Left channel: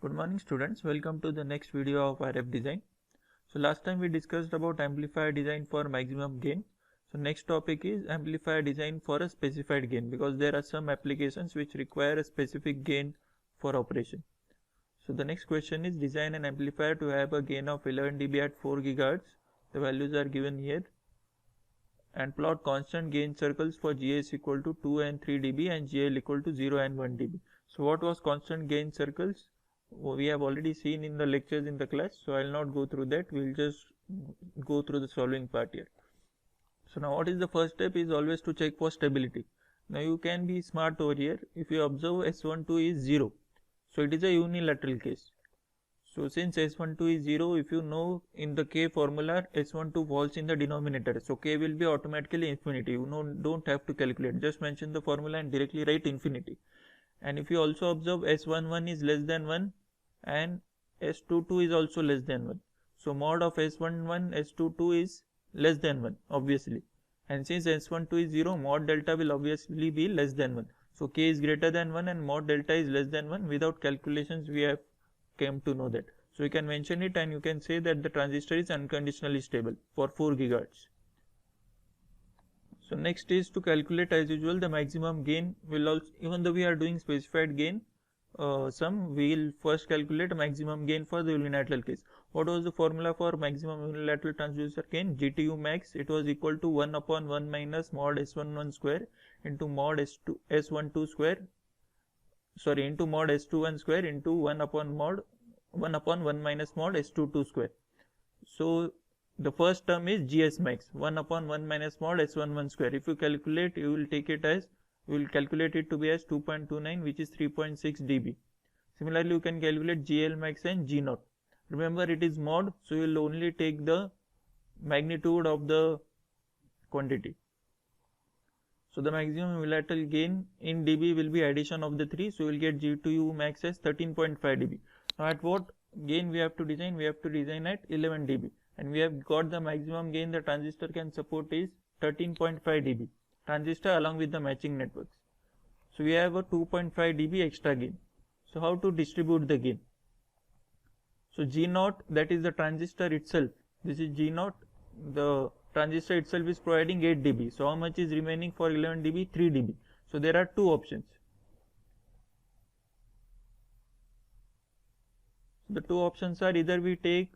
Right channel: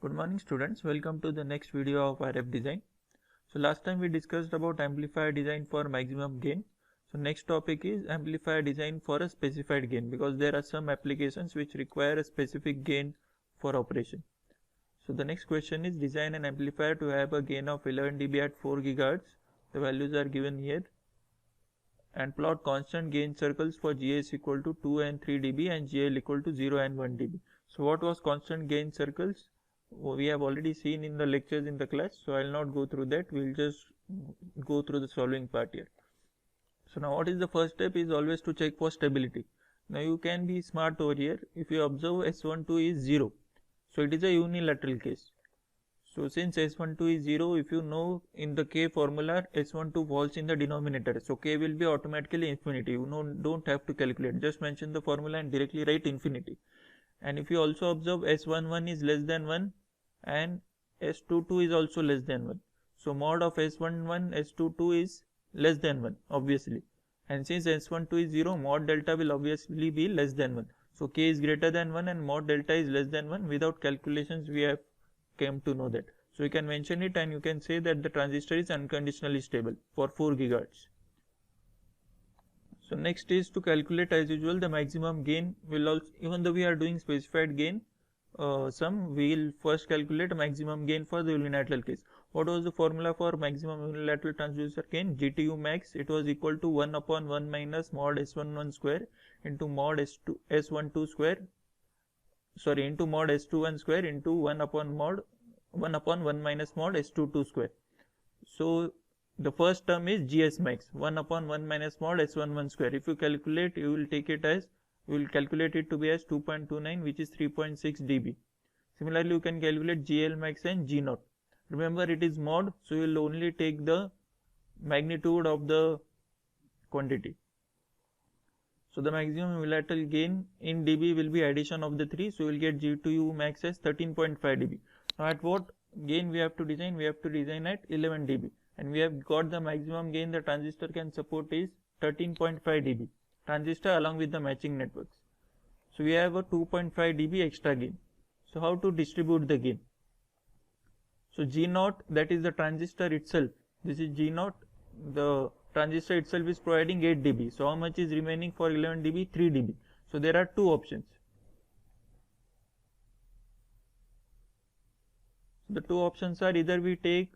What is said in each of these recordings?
Good morning students, welcome to the next video of RF design. So last time we discussed about amplifier design for maximum gain. So next topic is amplifier design for a specified gain, because there are some applications which require a specific gain for operation. So the next question is design an amplifier to have a gain of 11 dB at 4 GHz. The values are given here, and plot constant gain circles for GS equal to 2 and 3 dB and GL equal to 0 and 1 dB. So what was constant gain circles? We have already seen in the lectures in the class, so I will not go through that. We will just go through the solving part here. So now what is the first step is always to check for stability. Now you can be smart over here. If you observe S12 is 0, so it is a unilateral case. So since S12 is 0, if you know in the K formula S12 falls in the denominator, so K will be automatically infinity. You don't have to calculate, just mention the formula and directly write infinity. And if you also observe S11 is less than 1 and S22 is also less than 1. So mod of S11 S22 is less than 1 obviously, and since S12 is 0, mod delta will obviously be less than 1. So K is greater than 1 and mod delta is less than 1. Without calculations we have came to know that. So you can mention it and you can say that the transistor is unconditionally stable for 4 GHz. So next is to calculate as usual the maximum gain. Will also, even though we are doing specified gain sum, we will first calculate maximum gain for the unilateral case. What was the formula for maximum unilateral transducer gain? GTU max, it was equal to 1 upon 1 minus mod S11 square into mod S12 square, sorry, into mod S21 square into 1 upon 1 minus mod S22 square. So the first term is GS max, 1 upon 1 minus mod S11 square. If you calculate, you will take it as, you will calculate it to be as 2.29, which is 3.6 dB. Similarly, you can calculate GL max and G naught. Remember it is mod, so you will only take the magnitude of the quantity. So the maximum unilateral gain in dB will be addition of the 3, so you will get G2U max as 13.5 dB. Now at what gain we have to design? We have to design at 11 dB. And we have got the maximum gain the transistor can support is 13.5 dB transistor along with the matching networks. So we have a 2.5 dB extra gain. So how to distribute the gain? So G naught, that is the transistor itself. This is G naught. The transistor itself is providing 8 dB. So how much is remaining for 11 dB? 3 dB. So there are two options. The two options are either we take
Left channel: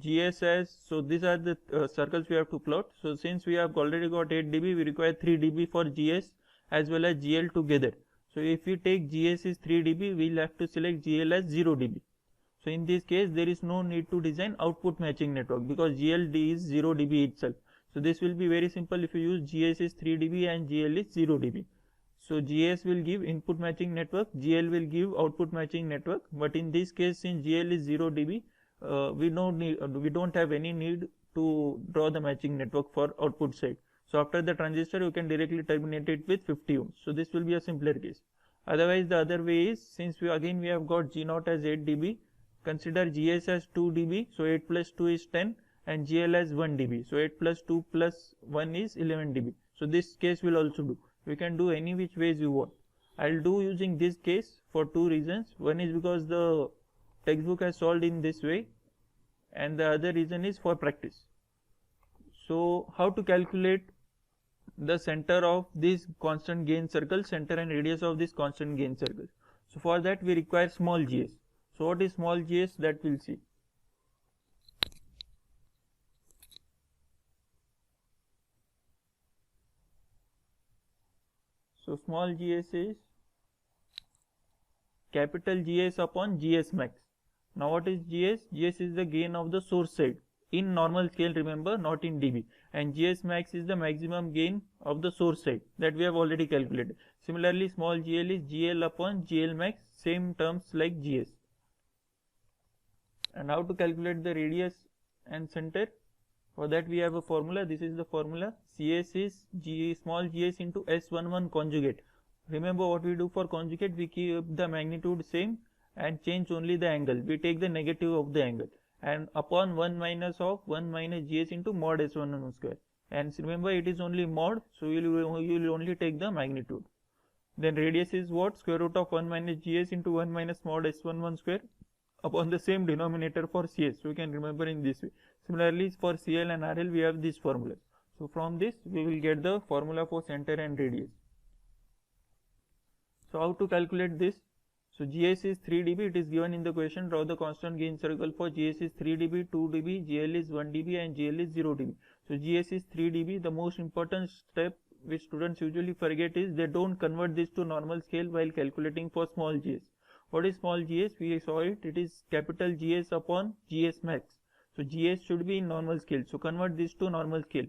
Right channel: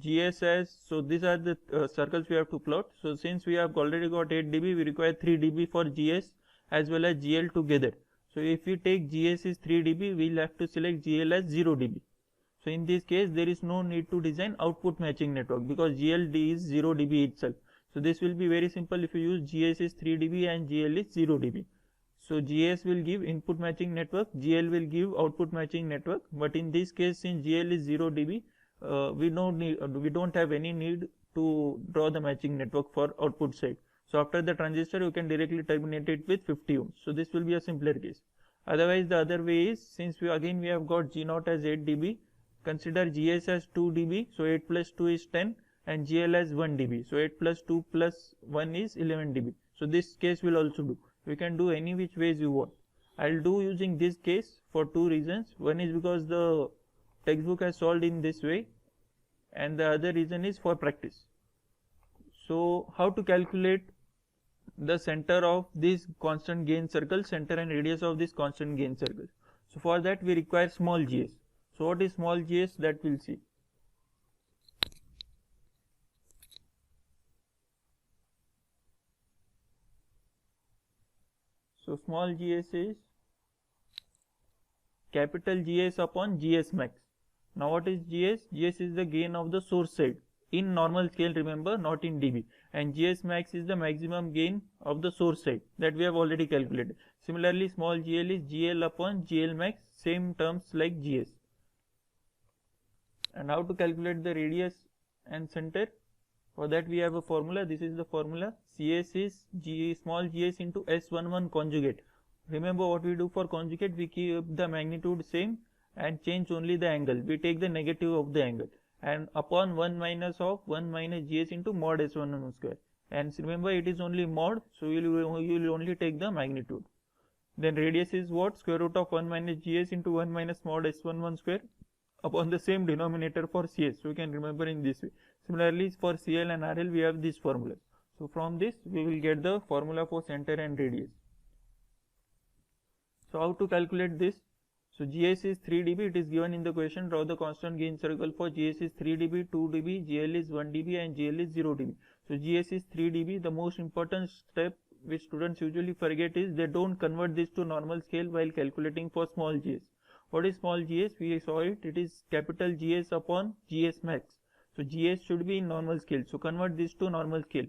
GS as, so these are the circles we have to plot. So since we have already got 8 dB, we require 3 dB for GS as well as GL together. So if we take GS is 3 dB, we will have to select GL as 0 dB. So in this case, there is no need to design output matching network because GLD is 0 dB itself. So this will be very simple if you use GS is 3 dB and GL is 0 dB. So GS will give input matching network, GL will give output matching network. But in this case, since GL is 0 dB, we don't have any need to draw the matching network for output side. So after the transistor, you can directly terminate it with 50 ohms. So this will be a simpler case. Otherwise, the other way is, since we have got G naught as 8 dB, consider GS as 2 dB. So 8 plus 2 is 10 and GL as 1 dB. So 8 plus 2 plus 1 is 11 dB. So this case will also do. We can do any which ways you want. I'll do using this case for two reasons. One is because the textbook has solved in this way, and the other reason is for practice. So how to calculate the center of this constant gain circle, center and radius of this constant gain circle? So for that we require small gs. So what is small gs? That we'll see. So small gs is capital GS upon GS max. Now what is GS? GS is the gain of the source side in normal scale, remember, not in dB, and GS max is the maximum gain of the source side that we have already calculated. Similarly, small GL is GL upon GL max, same terms like GS. And how to calculate the radius and center? For that we have a formula. This is the formula. CS is small gs into S11 conjugate. Remember what we do for conjugate? We keep the magnitude same and change only the angle. We take the negative of the angle, and upon 1 minus of 1 minus GS into mod S11 square. And remember it is only mod, so you will only take the magnitude. Then radius is what? Square root of 1 minus gs into 1 minus mod s11 square upon the same denominator for cs. So we can remember in this way. Similarly, for cl and rl we have this formula. So from this we will get the formula for center and radius. So how to calculate this? So gs is 3 dB, it is given in the question. Draw the constant gain circle for gs is 3 dB, 2 dB, gl is 1 dB and gl is 0 dB. So gs is 3 dB. The most important step which students usually forget is they don't convert this to normal scale while calculating for small gs. What is small gs? We saw it. It is capital GS upon GS max. So gs should be in normal scale. So convert this to normal scale.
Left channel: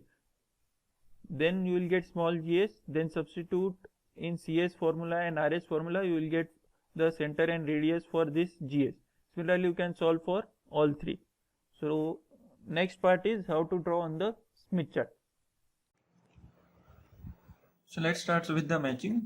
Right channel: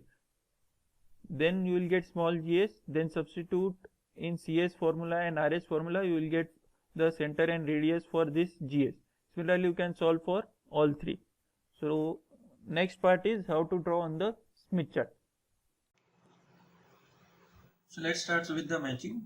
Then you will get small gs. Then substitute in CS formula and RS formula. You will get the center and radius for this gs. Similarly, you can solve for all three. So next part is how to draw on the Smith chart. So let's start with the matching.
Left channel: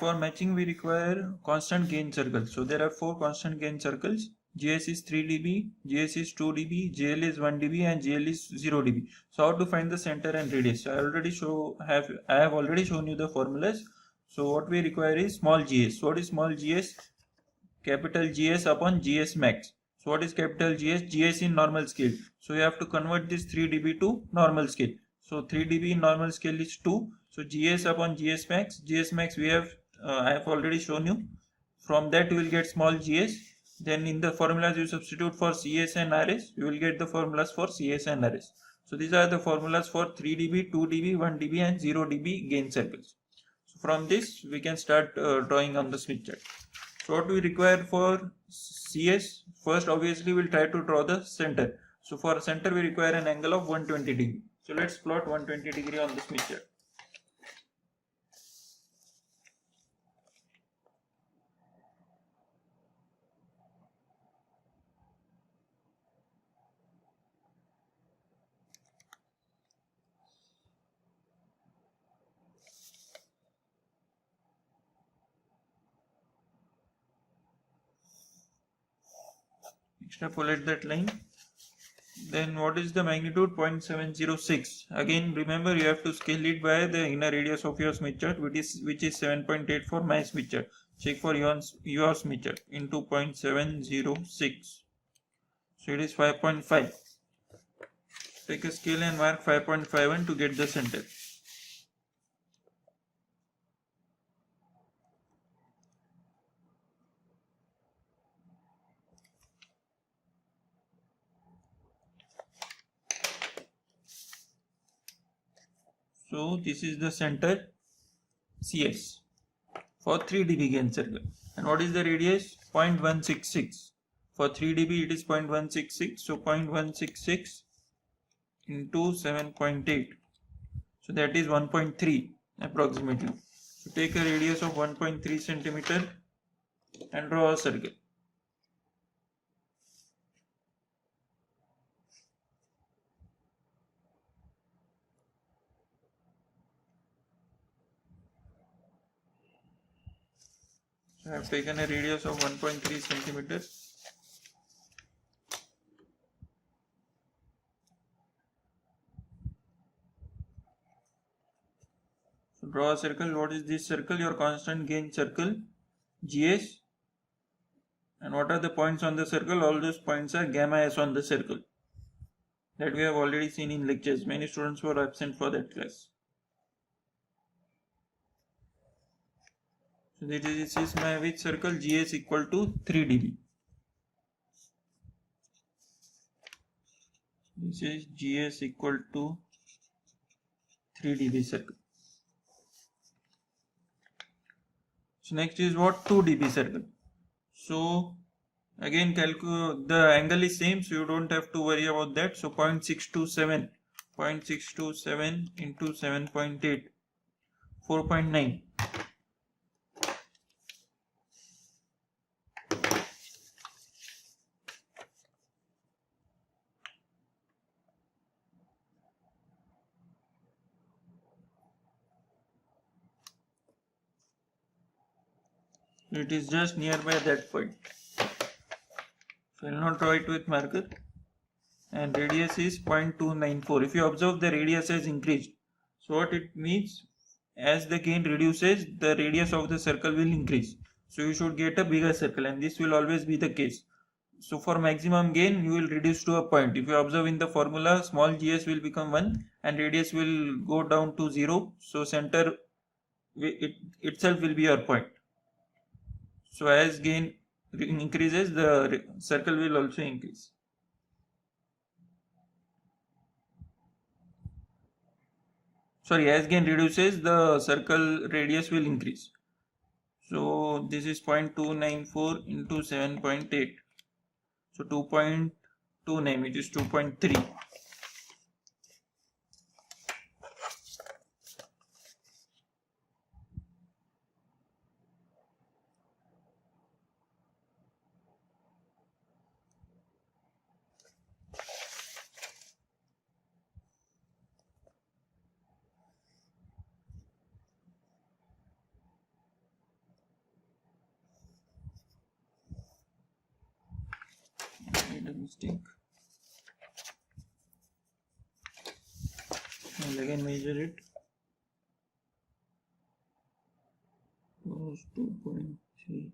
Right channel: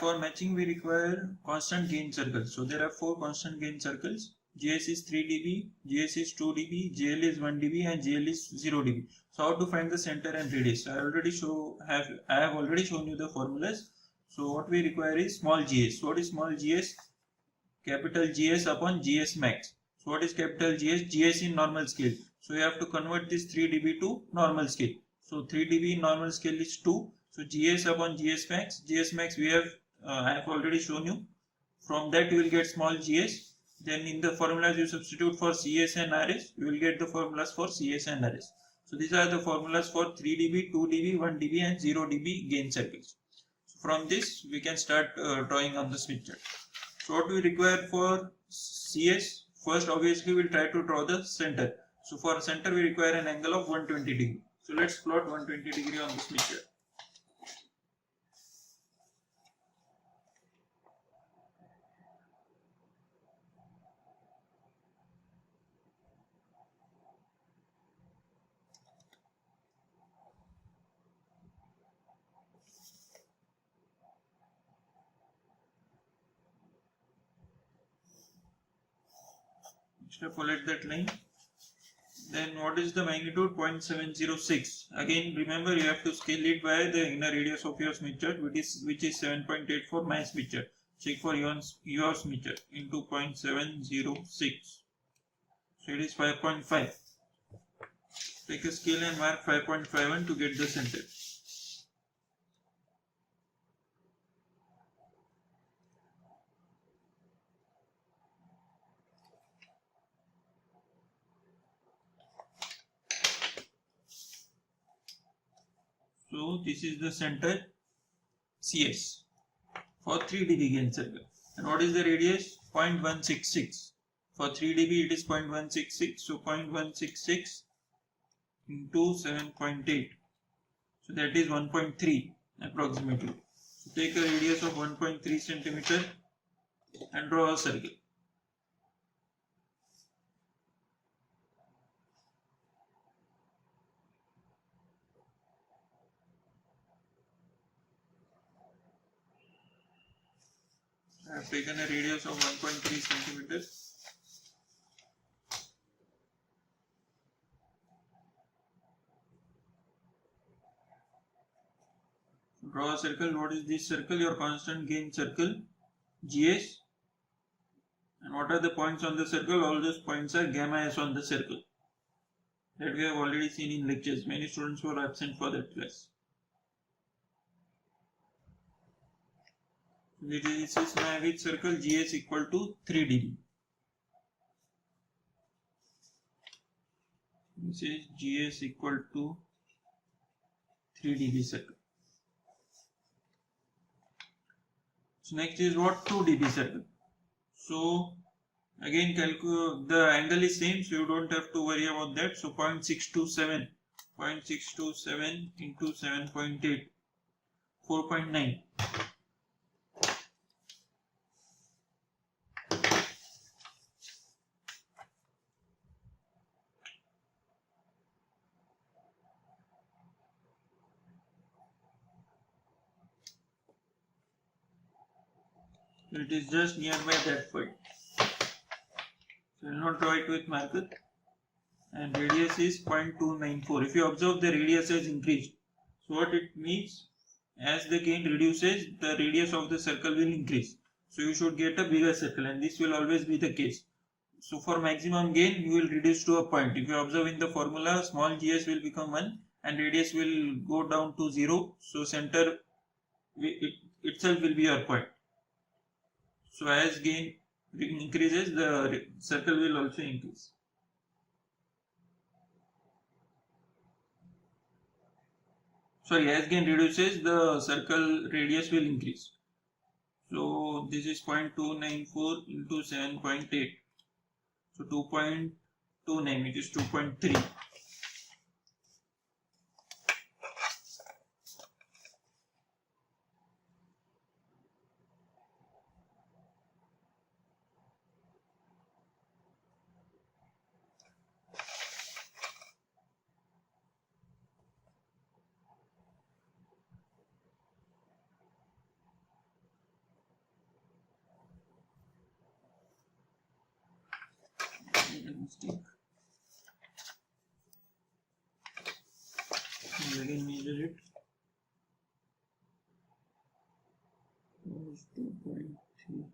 For matching we require constant gain circles. So there are 4 constant gain circles. GS is 3 dB, GS is 2 dB, GL is 1 dB and GL is 0 dB. So how to find the center and radius? I have already shown you the formulas. So what we require is small gs. So what is small gs? Capital GS upon GS max. So what is capital GS? GS in normal scale. So you have to convert this 3 dB to normal scale. So 3 dB in normal scale is 2. So GS upon GS max we have I have already shown you. From that you will get small gs. Then in the formulas you substitute for CS and RS. You will get the formulas for CS and RS. So these are the formulas for 3 dB, 2 dB, 1 dB and 0 dB gain circles. So from this we can start drawing on the Smith chart. So what we require for CS? First obviously we will try to draw the center. So for center we require an angle of 120 degree. So let's plot 120 degree on the Smith chart. Extrapolate that line. Then what is the magnitude? 0.706. Again remember you have to scale it by the inner radius of your Smith chart, which is 7.8 for my Smith chart. Check for your Smith chart into 0.706. So it is 5.5. Take a scale and mark 5.51 to get the center. So this is the center CS for 3 dB gain circle. And what is the radius? 0.166. For 3 dB it is 0.166. So 0.166 into 7.8. So that is 1.3 approximately. So take a radius of 1.3 centimeter and draw a circle. I have taken a radius of 1.3 centimeter. So draw a circle. What is this circle? Your constant gain circle, GS. And what are the points on the circle? All those points are gamma s on the circle. That we have already seen in lectures. Many students were absent for that class. So this is my which circle? GS equal to 3 dB. This is GS equal to 3 dB circle. So next is what? 2 dB circle. So again the angle is same, so you don't have to worry about that. So 0.627 into 7.8, 4.9. It is just nearby that point. So I will not draw it with marker. And radius is 0.294. If you observe, the radius has increased. So what it means? as the gain reduces, the radius of the circle will increase. So you should get a bigger circle, and this will always be the case. So for maximum gain, you will reduce to a point. If you observe in the formula, small gs will become 1 and radius will go down to 0. So center itself will be your point. So as gain increases, the circle will also increase. Sorry, as gain reduces, the circle radius will increase. So this is 0.294 into 7.8. So 2.29, which is 2.3. Made a mistake. And again measure it. Was 2.3.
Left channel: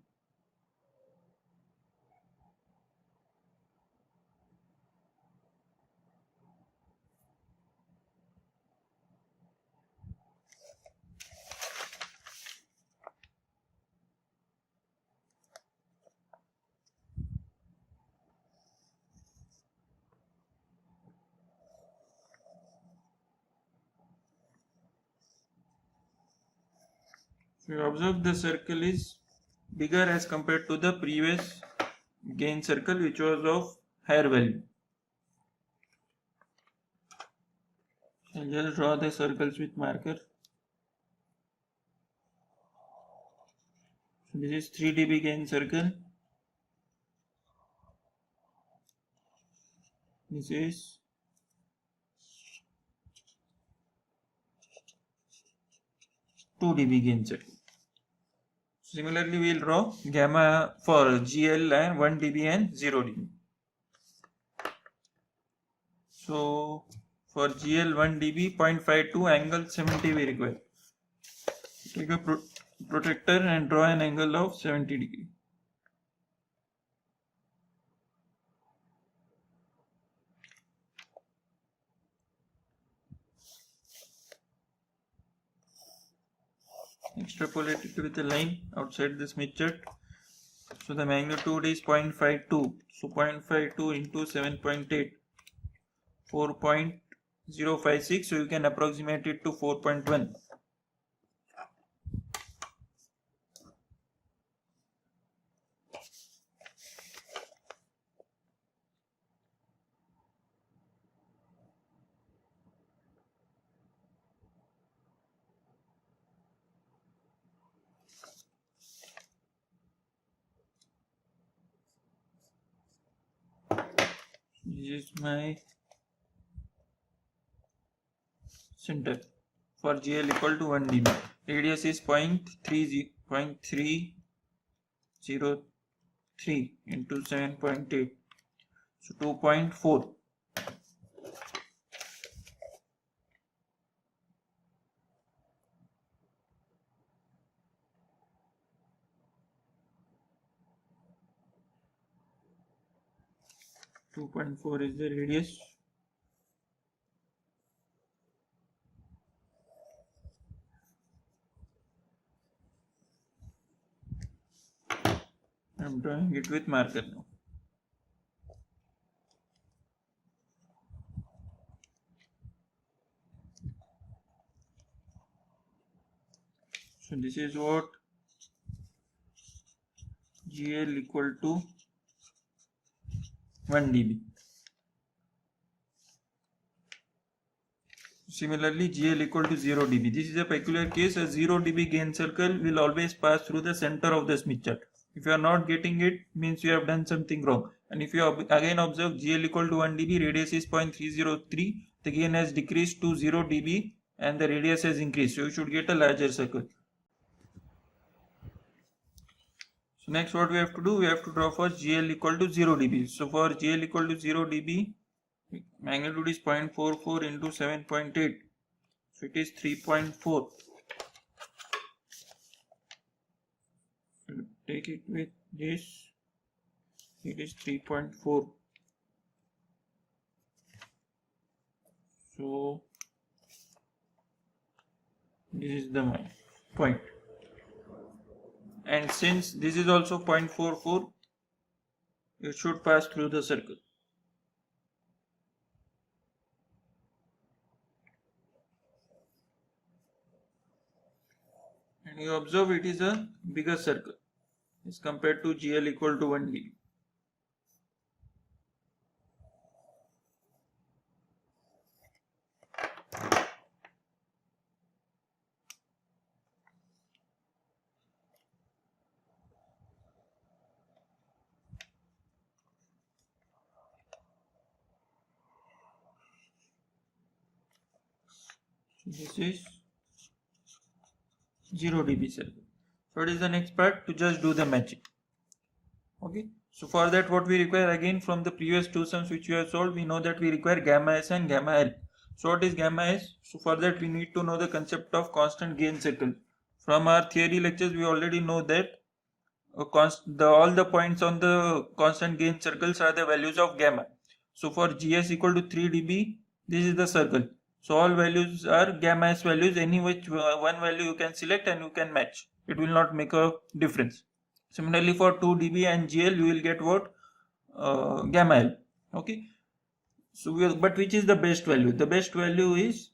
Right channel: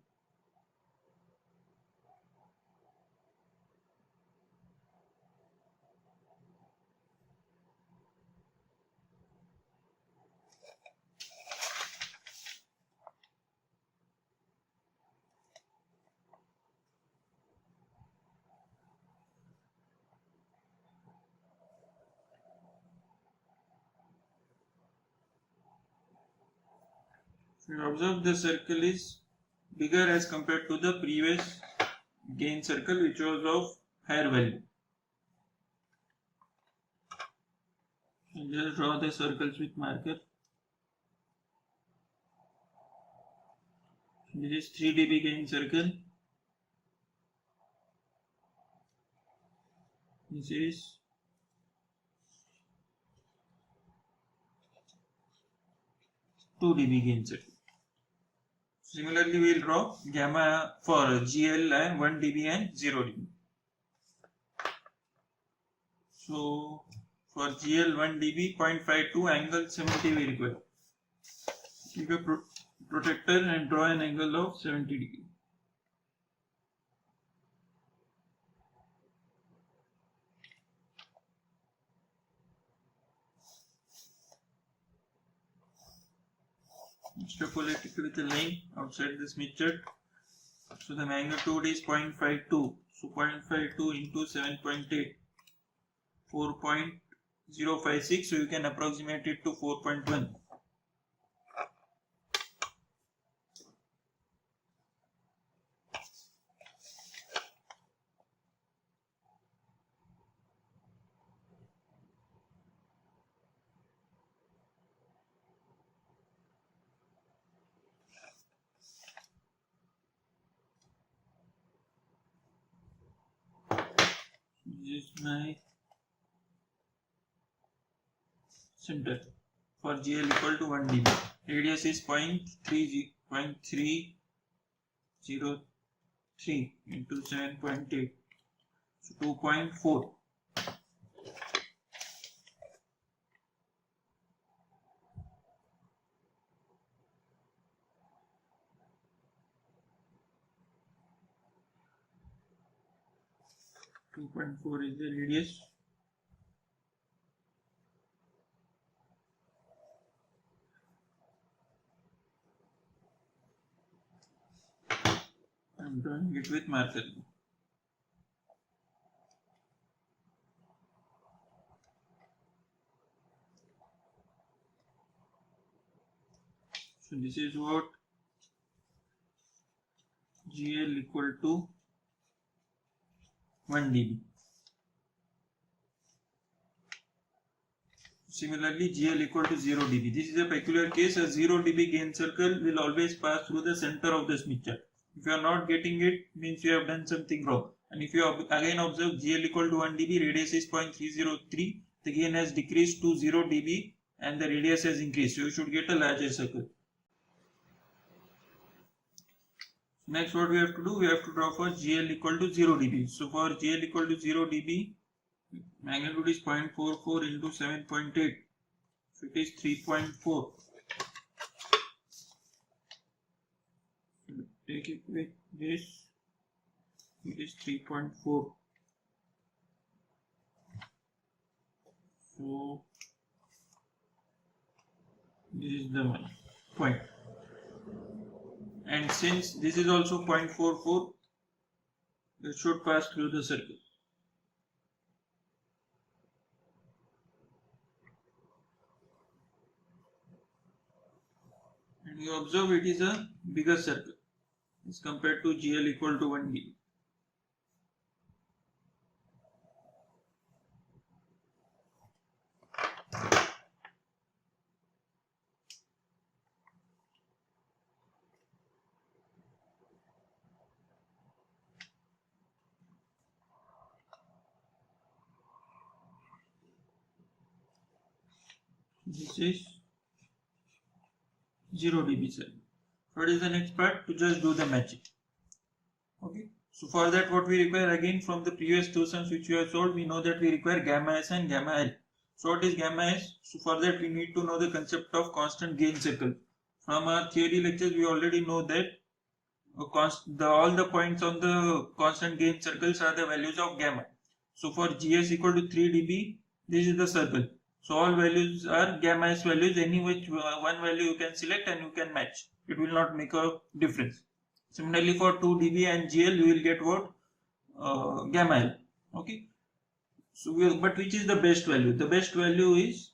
So you observe the circle is bigger as compared to the previous gain circle, which was of higher value. I'll just draw the circles with marker. So this is 3 dB gain circle. This is 2 dB gain circle. Similarly, we will draw gamma for GL and 1 dB and 0 dB. So for GL 1 dB, 0.52 angle 70 we require. Take a protractor and draw an angle of 70 degree. Extrapolate it with a line outside the Smith chart. So the magnitude is 0.52. So 0.52 into 7.8, 4.056. So you can approximate it to 4.1. This is my center for GL equal to 1 dB. Radius is 0.303 into 7.8. So 2.4. Two 2.4 is the radius. I'm drawing it with marker now. So this is what GL equal to 1 dB. Similarly, GL equal to 0 dB. This is a peculiar case. A 0 dB gain circle will always pass through the center of the Smith chart. If you are not getting it, means you have done something wrong. And if you again observe GL equal to 1 dB, radius is 0.303, the gain has decreased to 0 dB and the radius has increased. So you should get a larger circle. So next what we have to do, we have to draw for GL equal to 0 dB. So for GL equal to 0 dB, magnitude is 0.44 into 7.8. So it is 3.4. take it with this, it is 3.4. So this is the point, and since this is also 0.44, it should pass through the circle. And you observe it is a bigger circle as compared to GL equal to 1 dB. This is 0 dB circle. So what is the next part? To just do the matching. Okay. So for that, what we require, again from the previous two sums which we have solved, we know that we require gamma S and gamma L. So what is gamma S? So for that we need to know the concept of constant gain circle. From our theory lectures we already know that all the points on the constant gain circles are the values of gamma. So for GS equal to 3 dB, this is the circle. So all values are gamma S values, any which one value you can select and you can match. It will not make a difference. Similarly for 2 dB and GL you will get what? Gamma L. Okay. So but which is the best value? The best value is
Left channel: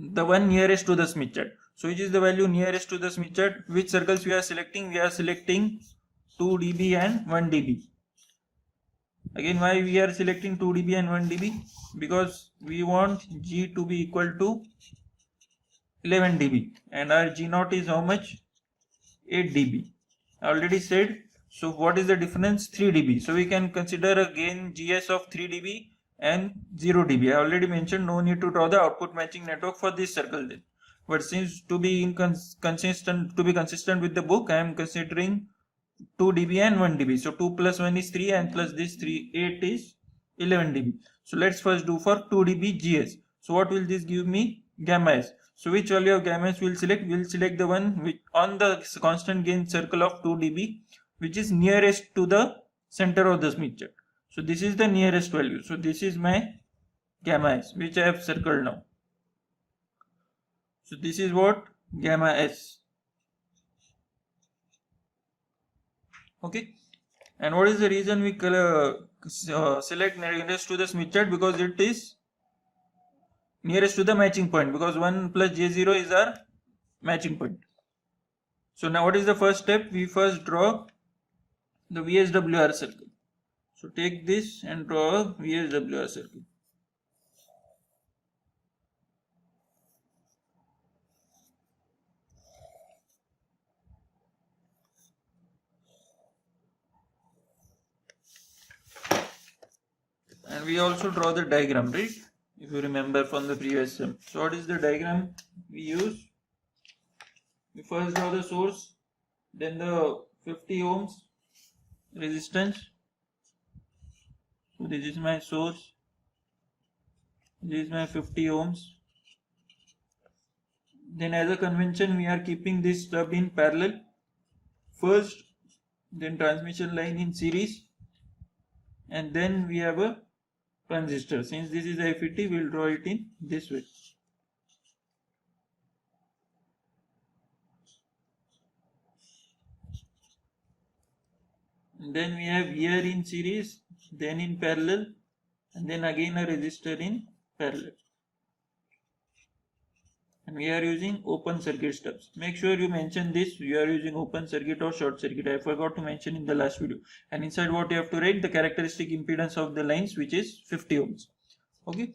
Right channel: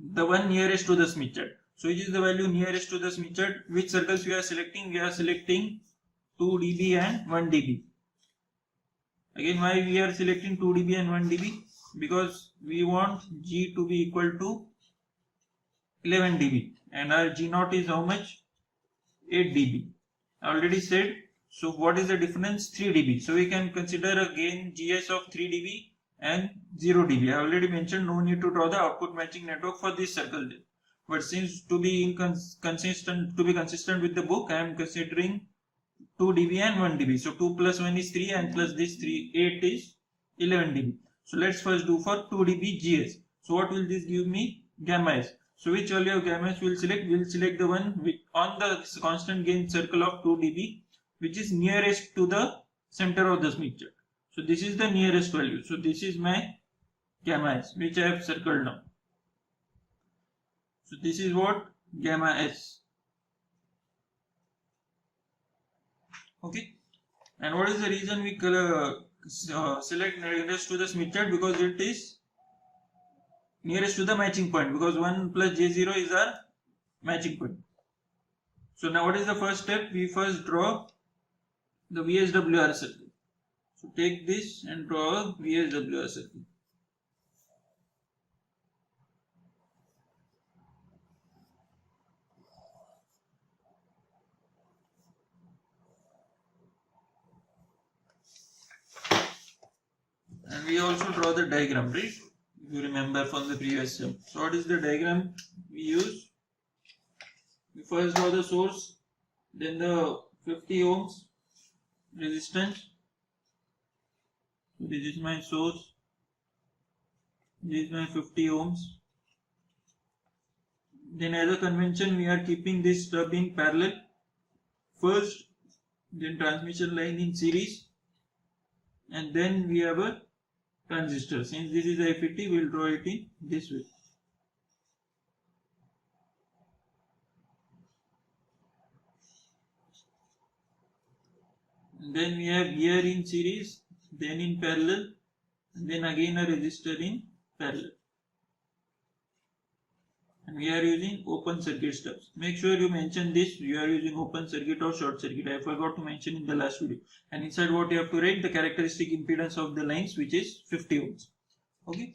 the one nearest to the Smith chart. So which is the value nearest to the Smith chart? Which circles we are selecting? We are selecting 2 dB and 1 dB. Again, why we are selecting 2 dB and 1 dB? Because we want G to be equal to 11 dB and our G naught is how much? 8 dB. I already said. So what is the difference? 3 dB. So we can consider a gain GS of 3 dB and 0 dB. I already mentioned, no need to draw the output matching network for this circle then. But since to be consistent with the book, I am considering 2 dB and 1 dB. So 2 plus 1 is 3 and plus this 8 is 11 dB. So let's first do for 2 dB GS. So what will this give me? Gamma S. So which value of gamma S we will select? We will select the one which on the constant gain circle of 2 dB, which is nearest to the center of the Smith chart. So this is the nearest value. So this is my gamma S, which I have circled now. So this is what? Gamma S. Okay. And what is the reason we select nearest to the Smith chart? Because it is nearest to the matching point, because 1 plus J0 is our matching point. So now what is the first step? We first draw the VSWR circle. So take this and draw a VSWR circle. And we also draw the diagram, right? If you remember from the previous sum. So what is the diagram we use? We first draw the source, then the 50 ohms resistance. So this is my source, this is my 50 ohms. Then as a convention we are keeping this stub in parallel first, then transmission line in series, and then we have a transistor. Since this is a FET, we will draw it in this way. And then we have here in series, then in parallel, and then again a resistor in parallel. And we are using open circuit stubs. Make sure you mention this, you are using open circuit or short circuit. I forgot to mention in the last video. And inside what you have to write, the characteristic impedance of the lines, which is 50 ohms. Okay.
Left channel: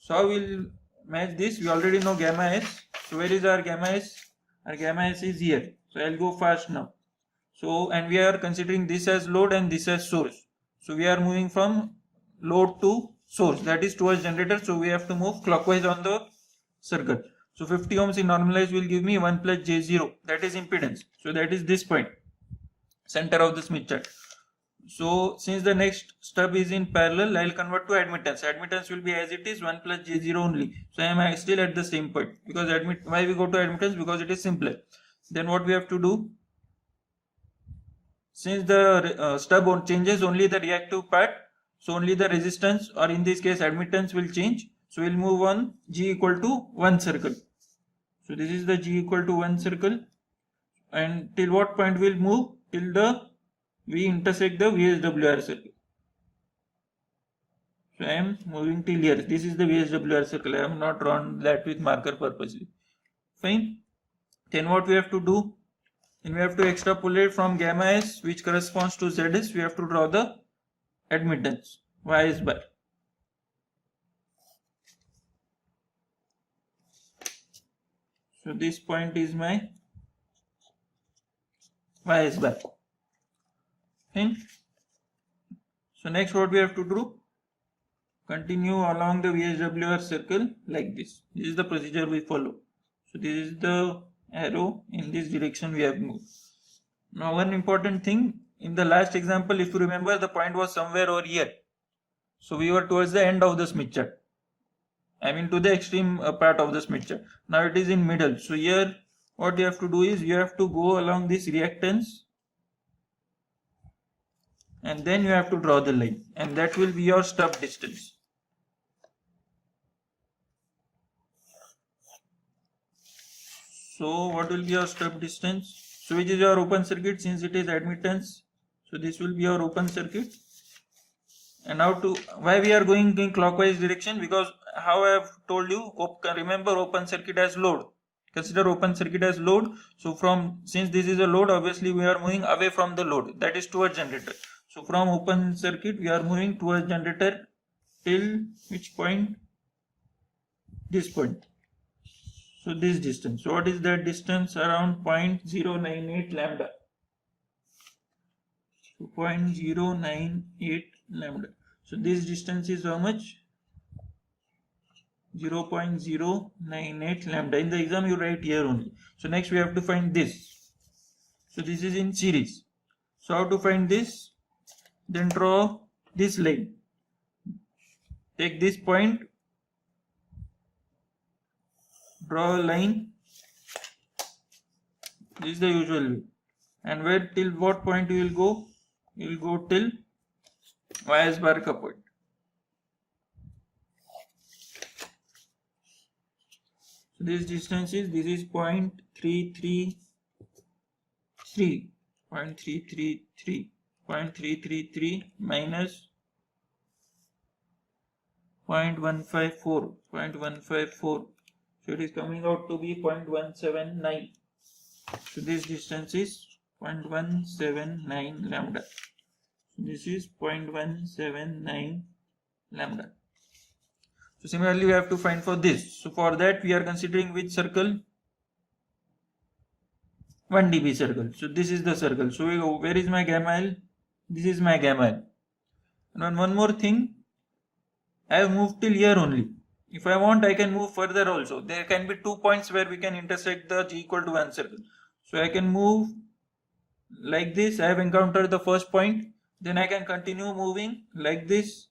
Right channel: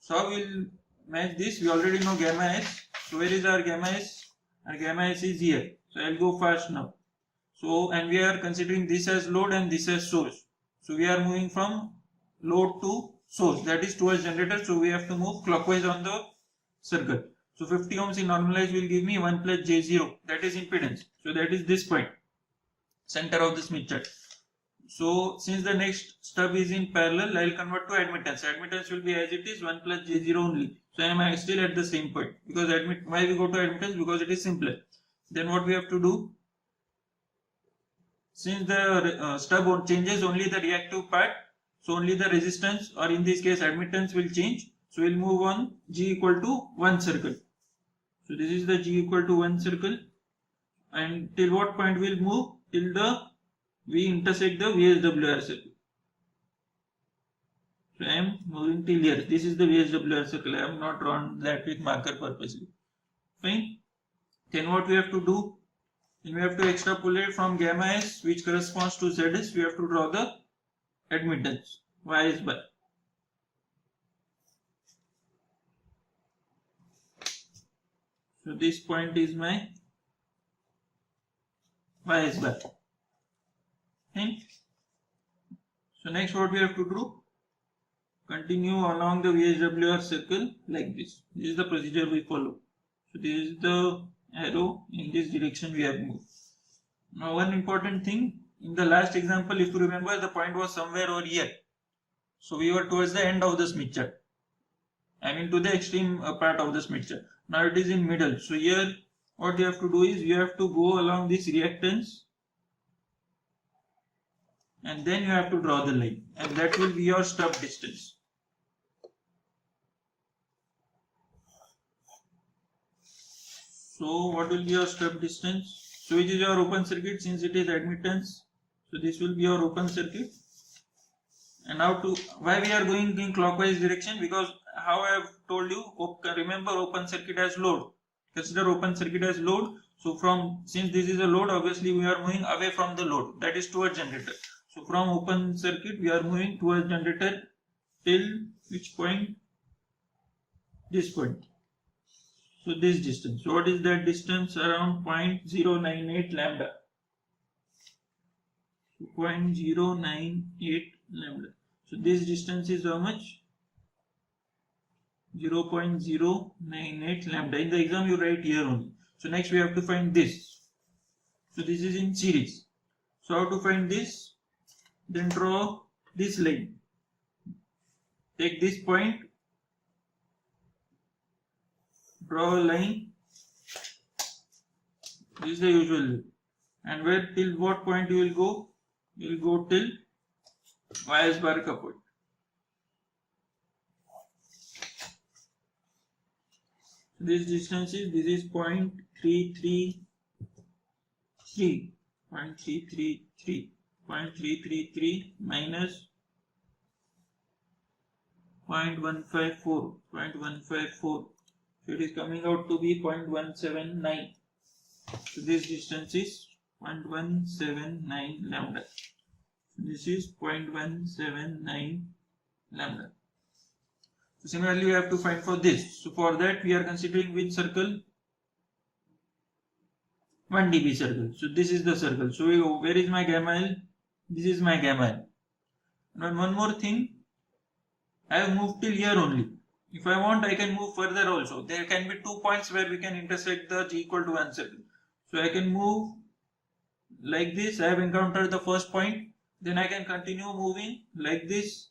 So how we'll match this? We already know gamma S. So where is our gamma S? Our gamma S is here. So I'll go fast now. So, and we are considering this as load and this as source. So we are moving from load to source, that is towards generator. So we have to move clockwise on the circle. So 50 ohms in normalized will give me 1 plus J0, that is impedance. So that is this point, center of the Smith chart. So since the next stub is in parallel, I will convert to admittance. Admittance will be as it is, 1 plus J0 only. So I am still at the same point, because why we go to admittance? Because it is simpler. Then what we have to do? since the stub changes only the reactive part, so only the resistance, or in this case admittance, will change. So we'll move on G equal to 1 circle. So this is the G equal to 1 circle, and till what point we'll move? Till the we intersect the VSWR circle. So I am moving till here. This is the VSWR circle. I have not drawn that with marker purposely. Fine. Then what we have to do? Then we have to extrapolate from gamma S, which corresponds to ZS. We have to draw the admittance YS bar. So this point is my YS bar. Fine. So next what we have to do? Continue along the VSWR circle like this. This is the procedure we follow. So this is the arrow, in this direction we have moved. Now one important thing, in the last example, if you remember, the point was somewhere over here. So we were towards the end of the Smith chart. I mean to the extreme part of the Smith chart. Now it is in middle. So here what you have to do is you have to go along this reactance, and then you have to draw the line, and that will be your stub distance. So what will be your stub distance? So which is your open circuit, since it is admittance. So this will be your open circuit. And now to why we are going in clockwise direction, because how I have told you, remember open circuit as load. Consider open circuit as load. So since this is a load, obviously we are moving away from the load, that is towards generator. So from open circuit we are moving towards generator till which point? This point. So this distance. So what is that distance? Around 0.098 lambda. So 0.098 lambda. So this distance is how much? 0.098 lambda. In the exam you write here only. So next we have to find this. So this is in series. So how to find this? Then draw this line. Take this point. Draw a line. This is the usual way. And where till what point you will go? You will go till YS bar ka point. So this distance is, this is 0.333, 0.333 minus 0.154. So it is coming out to be 0.179. So this distance is 0.179 lambda. So this is 0.179 lambda. So similarly we have to find for this. So for that we are considering which circle? 1 dB circle. So this is the circle. So where is my gamma L? This is my gamma L. And one more thing, I have moved till here only. If I want, I can move further also. There can be 2 points where we can intersect the G equal to 1 circle. So I can move like this. I have encountered the first point. Then I can continue moving like this.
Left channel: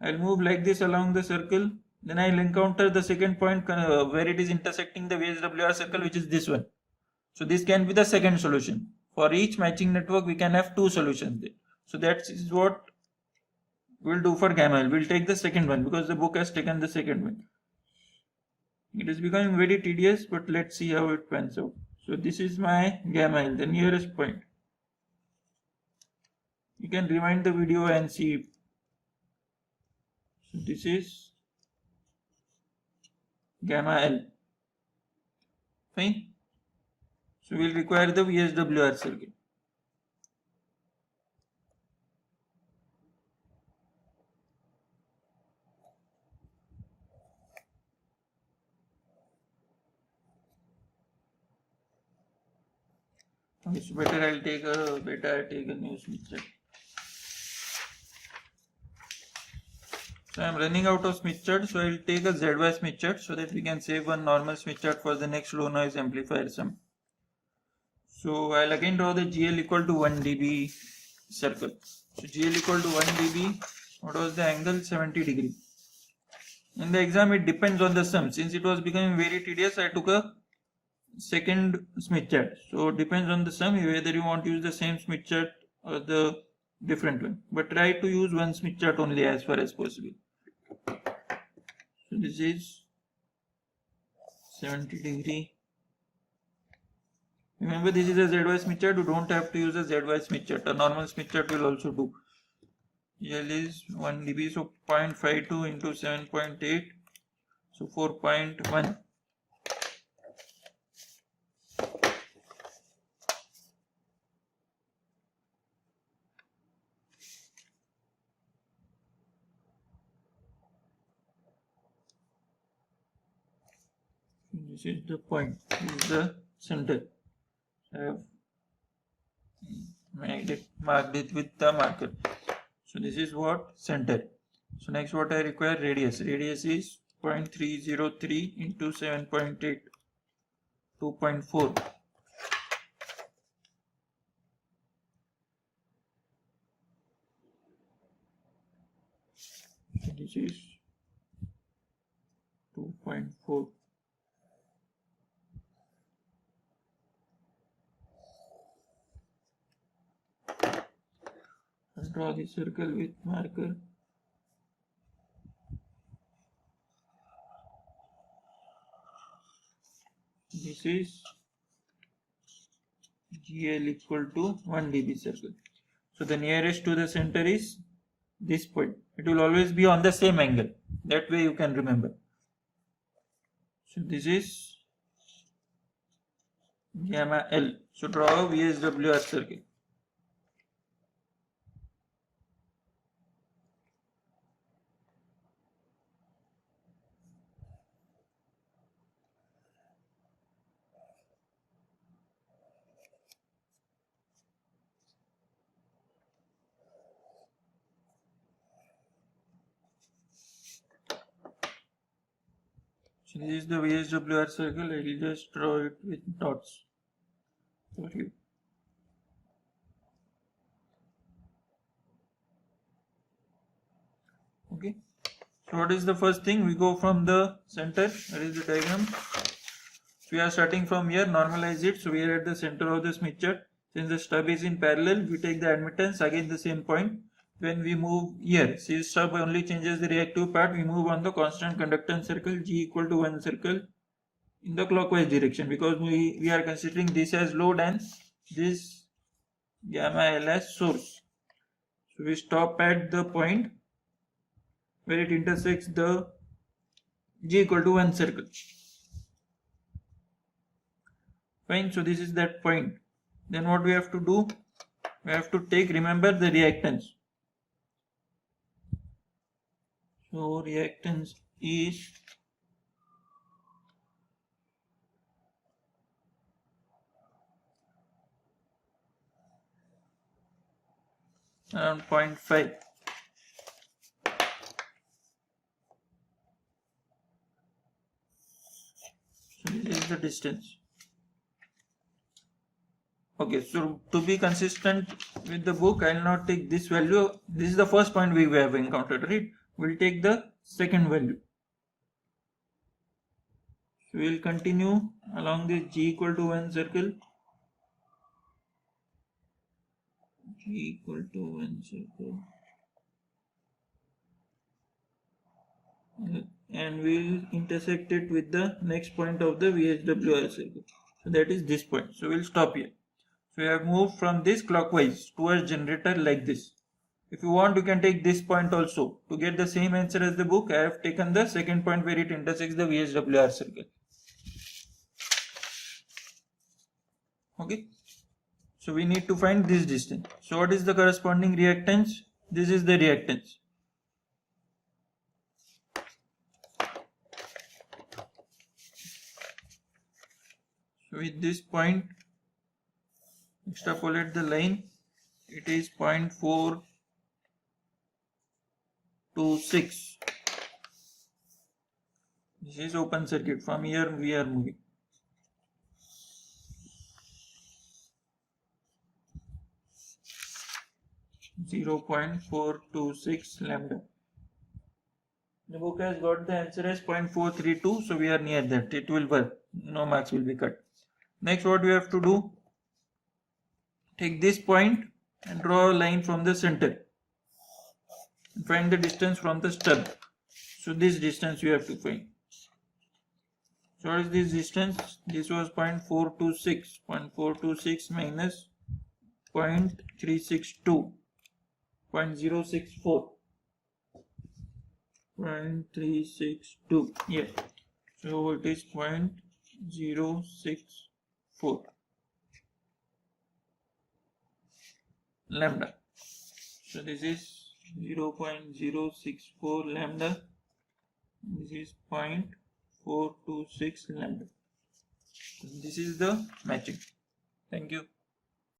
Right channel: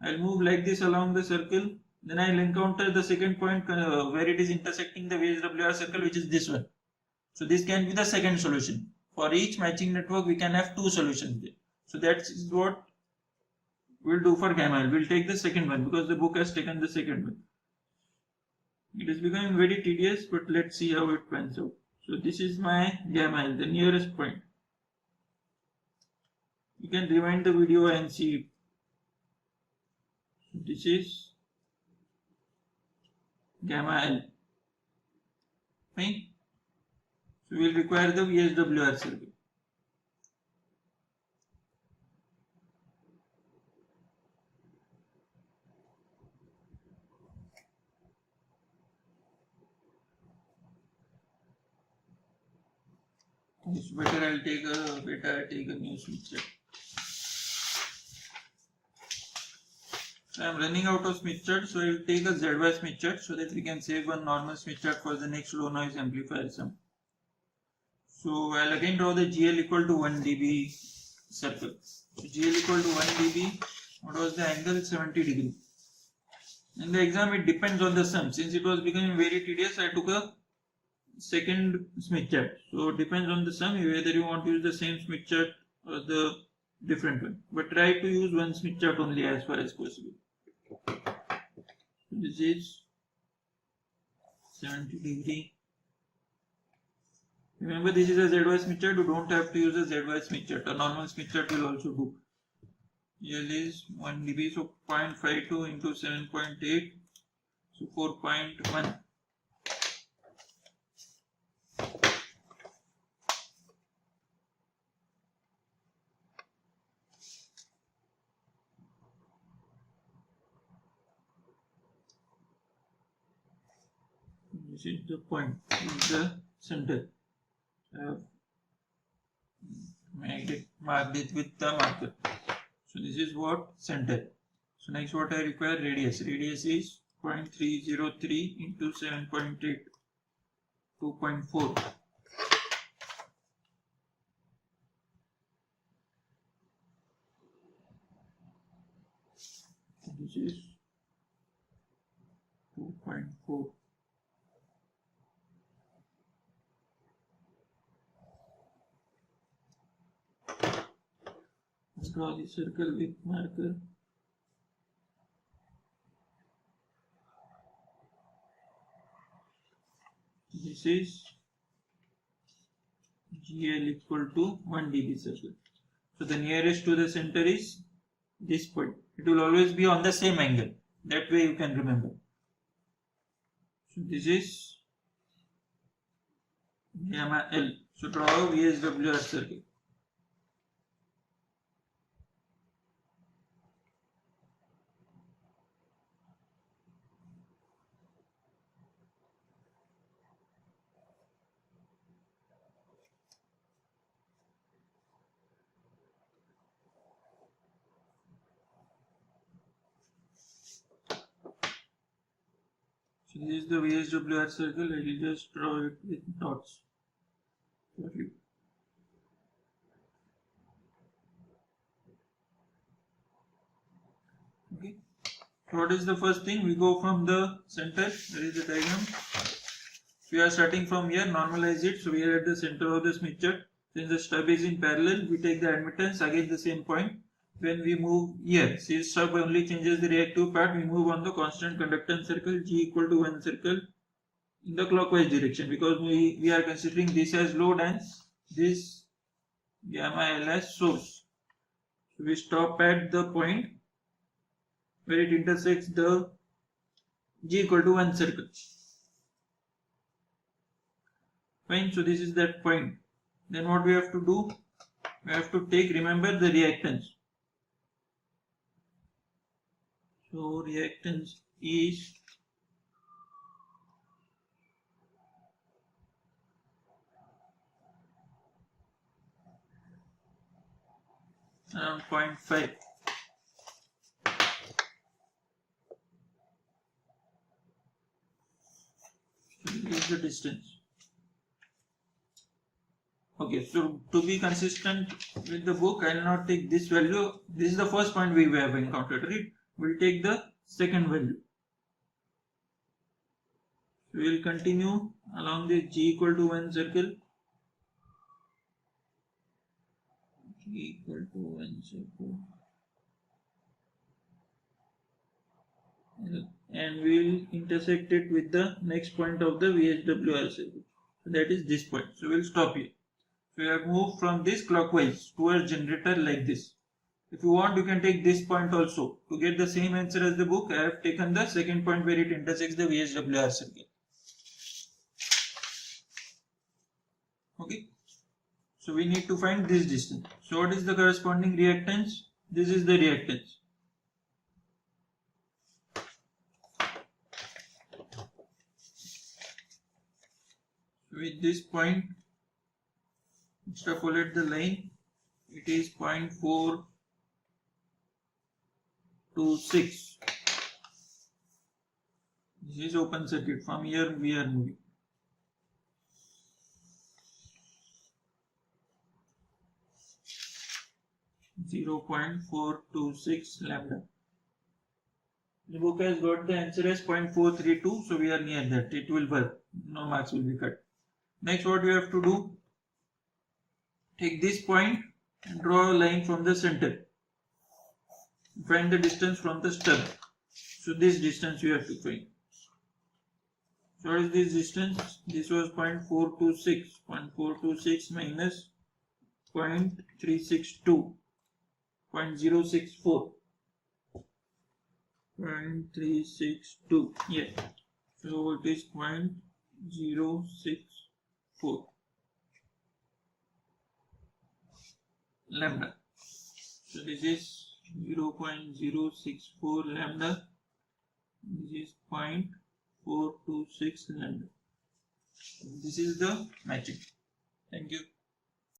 I'll move like this along the circle. Then I'll encounter the second point where it is intersecting the VSWR circle, which is this one. So this can be the second solution. For each matching network, we can have 2 solutions there. So that is what we'll do for gamma L. We'll take the second one because the book has taken the second one. It is becoming very tedious, but let's see how it pans out. So this is my gamma L, the nearest point. You can rewind the video and see. So this is gamma L. Fine. So we'll require the VSWR circuit. It's better I'll take a new Smith chart. So I'm running out of Smith chart, so I'll take a ZY Smith chart so that we can save one normal Smith chart for the next low noise amplifier sum. So I'll again draw the GL equal to 1 dB circle. So GL equal to 1 dB. What was the angle? 70 degree. In the exam it depends on the sum. Since it was becoming very tedious, I took a second Smith chart. So it depends on the sum, whether you want to use the same Smith chart or the different one, but try to use one Smith chart only as far as possible. So this is 70 degree. Remember, this is a ZY Smith chart. You don't have to use a ZY Smith chart. A normal Smith chart will also do. L is 1 dB, so 0.52 into 7.8, so 4.1. This is the point. This is the center. I have marked it with the marker. So this is what center. So next what I require, radius. Radius is 0.303 into 7.8, 2.4. So this is 2.4. Draw the circle with marker. This is GL equal to 1 dB circle. So the nearest to the center is this point. It will always be on the same angle. That way you can remember. So this is gamma L. So draw a VSWR circle. So this is the VSWR circle. I will just draw it with dots for you. Okay. So what is the first thing? We go from the center. That is the diagram. We are starting from here. Normalize it. So we are at the center of the Smith chart. Since the stub is in parallel, we take the admittance again the same point. When we move here, see, stub only changes the reactive part. We move on the constant conductance circle G equal to 1 circle in the clockwise direction, because we are considering this as load and this gamma L as source. So we stop at the point where it intersects the G equal to 1 circle. Fine. So this is that point. Then what we have to do? We have to take, remember, the reactance. So reactance is around 0.5. So this is the distance. Okay, so to be consistent with the book, I will not take this value. This is the first point we have encountered, right? We'll take the second value. So we'll continue along this G equal to 1 circle. G equal to 1 circle. And we'll intersect it with the next point of the VSWR circle. So that is this point. So we'll stop here. So we have moved from this clockwise towards generator like this. If you want, you can take this point also. To get the same answer as the book, I have taken the second point where it intersects the VSWR circle. Okay. So we need to find this distance. So what is the corresponding reactance? This is the reactance. So with this point, extrapolate the line. It is 0.426. This is open circuit. From here we are moving. (0.426 lambda). The book has got the answer as 0.432, so we are near that. It will work. No marks will be cut. Next, what we have to do? Take this point and draw a line from the center. Find the distance from the stub. So this distance we have to find. So what is this distance? This was 0.426. 0.426 minus 0.362. 0.064. 0.362. Yes. So it is 0.064 lambda. So this is 0.064 lambda. This is 0.426 lambda. This is the matching. Thank you.